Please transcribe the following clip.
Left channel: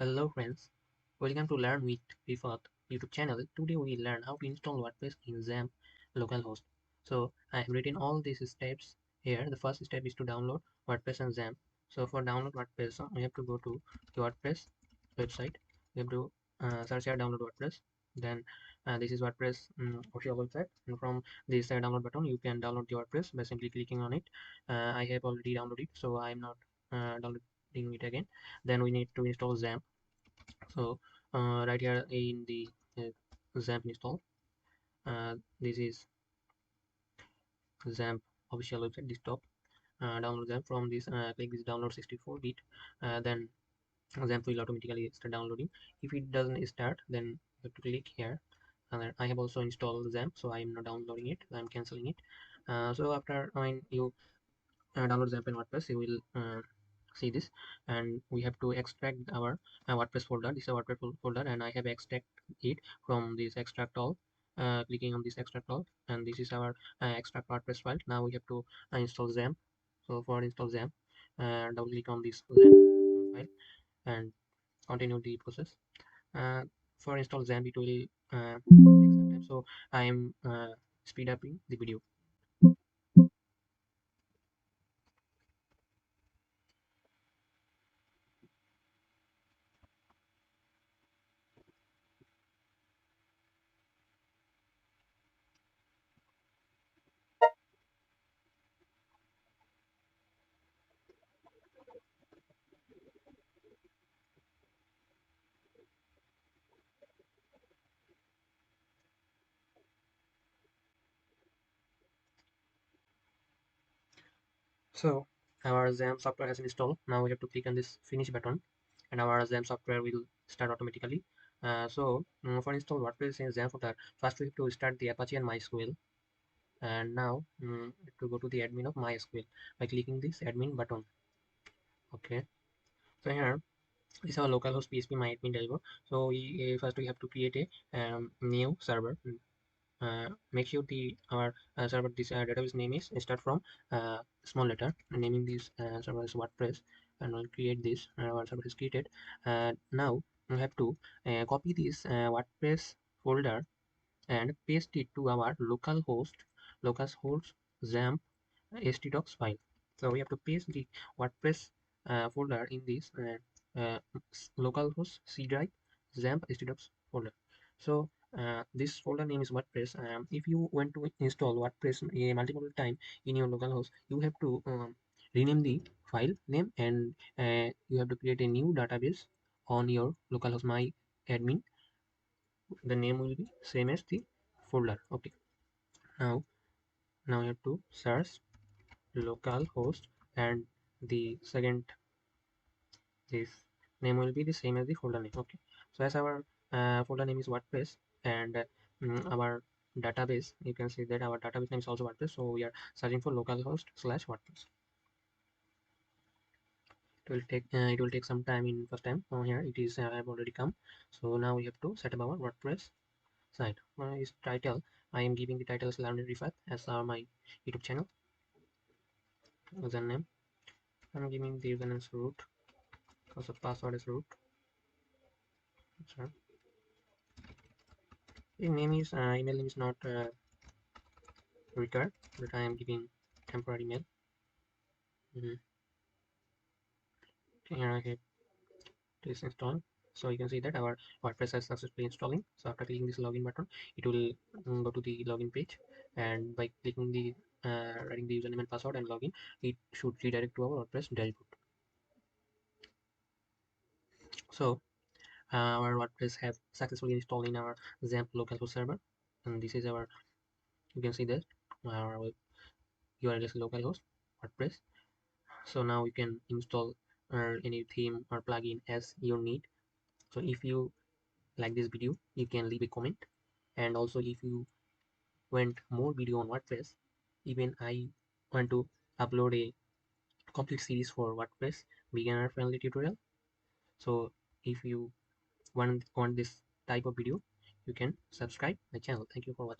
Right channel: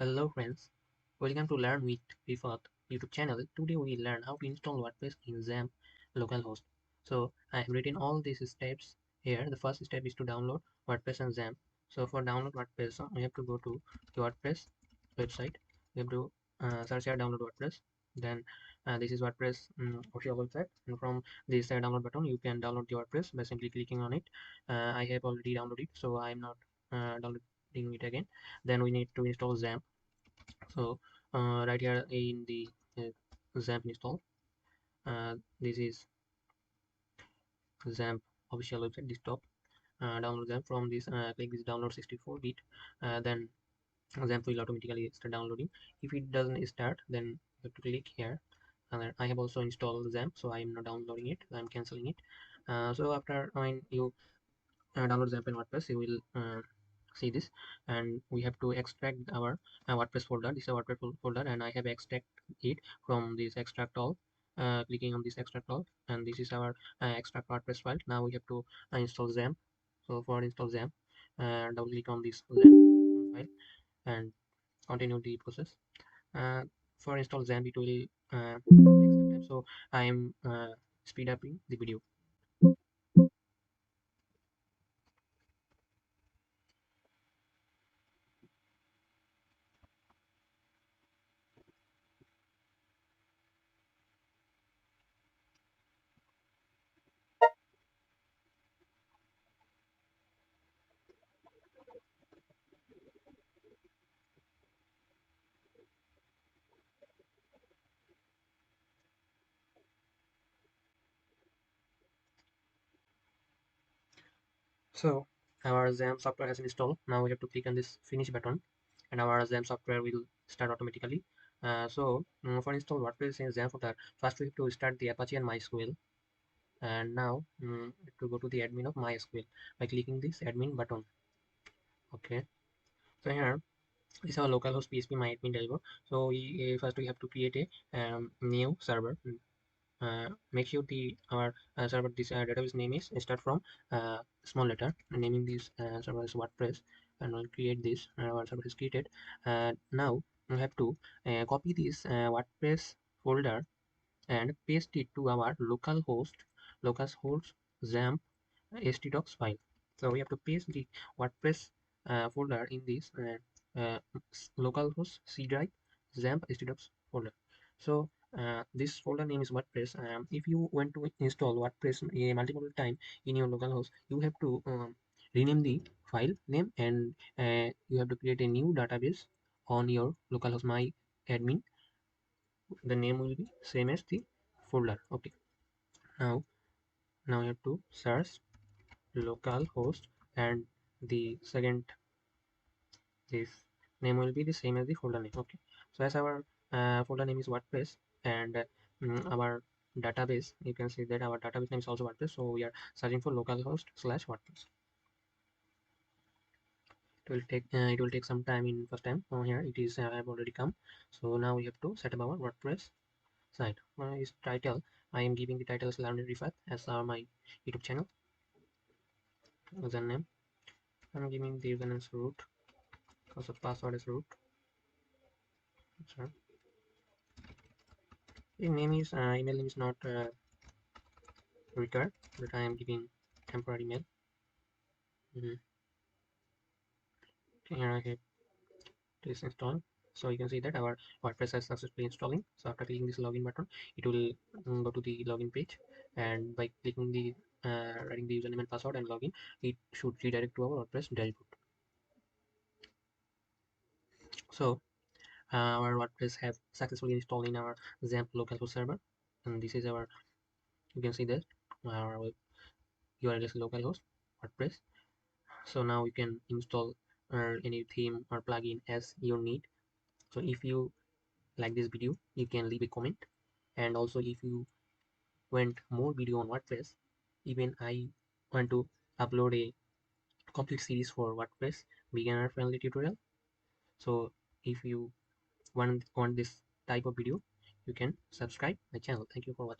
Hello friends, welcome to Learn with Vifath YouTube channel. Today we learn how to install WordPress in Xampp localhost. So I have written all these steps here. The first step is to download WordPress and Xampp. So for download WordPress, we have to go to the WordPress website. We have to search here download WordPress. Then this is WordPress official website, and from this download button you can download the WordPress by simply clicking on it. I have already downloaded it, so I am not downloading it again. Then we need to install Xampp. So right here in the Xampp install, this is Xampp official website desktop. Download Xampp from this. Click this download 64-bit. Then Xampp will automatically start downloading. If it doesn't start, then you have to click here. And then I have also installed Xampp, so I am not downloading it. I am canceling it. So after when you download Xampp in WordPress, you will see this, and we have to extract our WordPress folder. This is a WordPress folder, and I have extract it from this extract all. Clicking on this extract all, and this is our extract WordPress file. Now we have to install Xampp. So for install Xampp, double click on this Xampp file and continue the process. For install Xampp, it will take some time, so I am speed upping the video. So our Xampp software has installed. Now we have to click on this finish button, and our Xampp software will start automatically. For install WordPress in Xampp folder, first we have to start the Apache and MySQL. And now to go to the admin of MySQL by clicking this admin button. Okay. So here this is our localhost PHP myadmin dashboard. So first we have to create a new server. Make sure the our server this database name is start from small letter, and naming this server is WordPress, and we'll create this server is created. Now we need to this WordPress htdocs file. So we have to paste the WordPress folder in this localhost Cdive Xampp htdocs folder. So this folder name is WordPress. If you want to install WordPress multiple time in your localhost, you have to rename the file name, and you have to create a new database on your localhost my admin. The name will be same as the folder. Okay. Now you have to search localhost, and the second this name will be the same as the folder name. Okay. So as our folder name is WordPress, and our database, you can see that our database name is also WordPress, so we are searching for localhost slash WordPress. It will take some time in first time. Here it is have already come. So now we have to set up our WordPress site. Is title, I am giving the title as Learn Refath as my YouTube channel. Username, I'm giving the username as root, also password is root. Sure. The name is email name is not required, but I am giving temporary email. Here I have this install. So you can see that our WordPress is successfully installing. So after clicking this login button, it will go to the login page, and by clicking the writing the username and password and login, it should redirect to our WordPress dashboard. So our WordPress has successfully installed in our Xampp localhost server, and this is our, you can see that our URL is localhost WordPress. So now you can install any theme or plugin as you need. So if you like this video, you can leave a comment, and also if you want more video on WordPress, even I want to upload a complete series for WordPress beginner friendly tutorial. So if you want this type of video, you can subscribe my channel. Thank you for watching.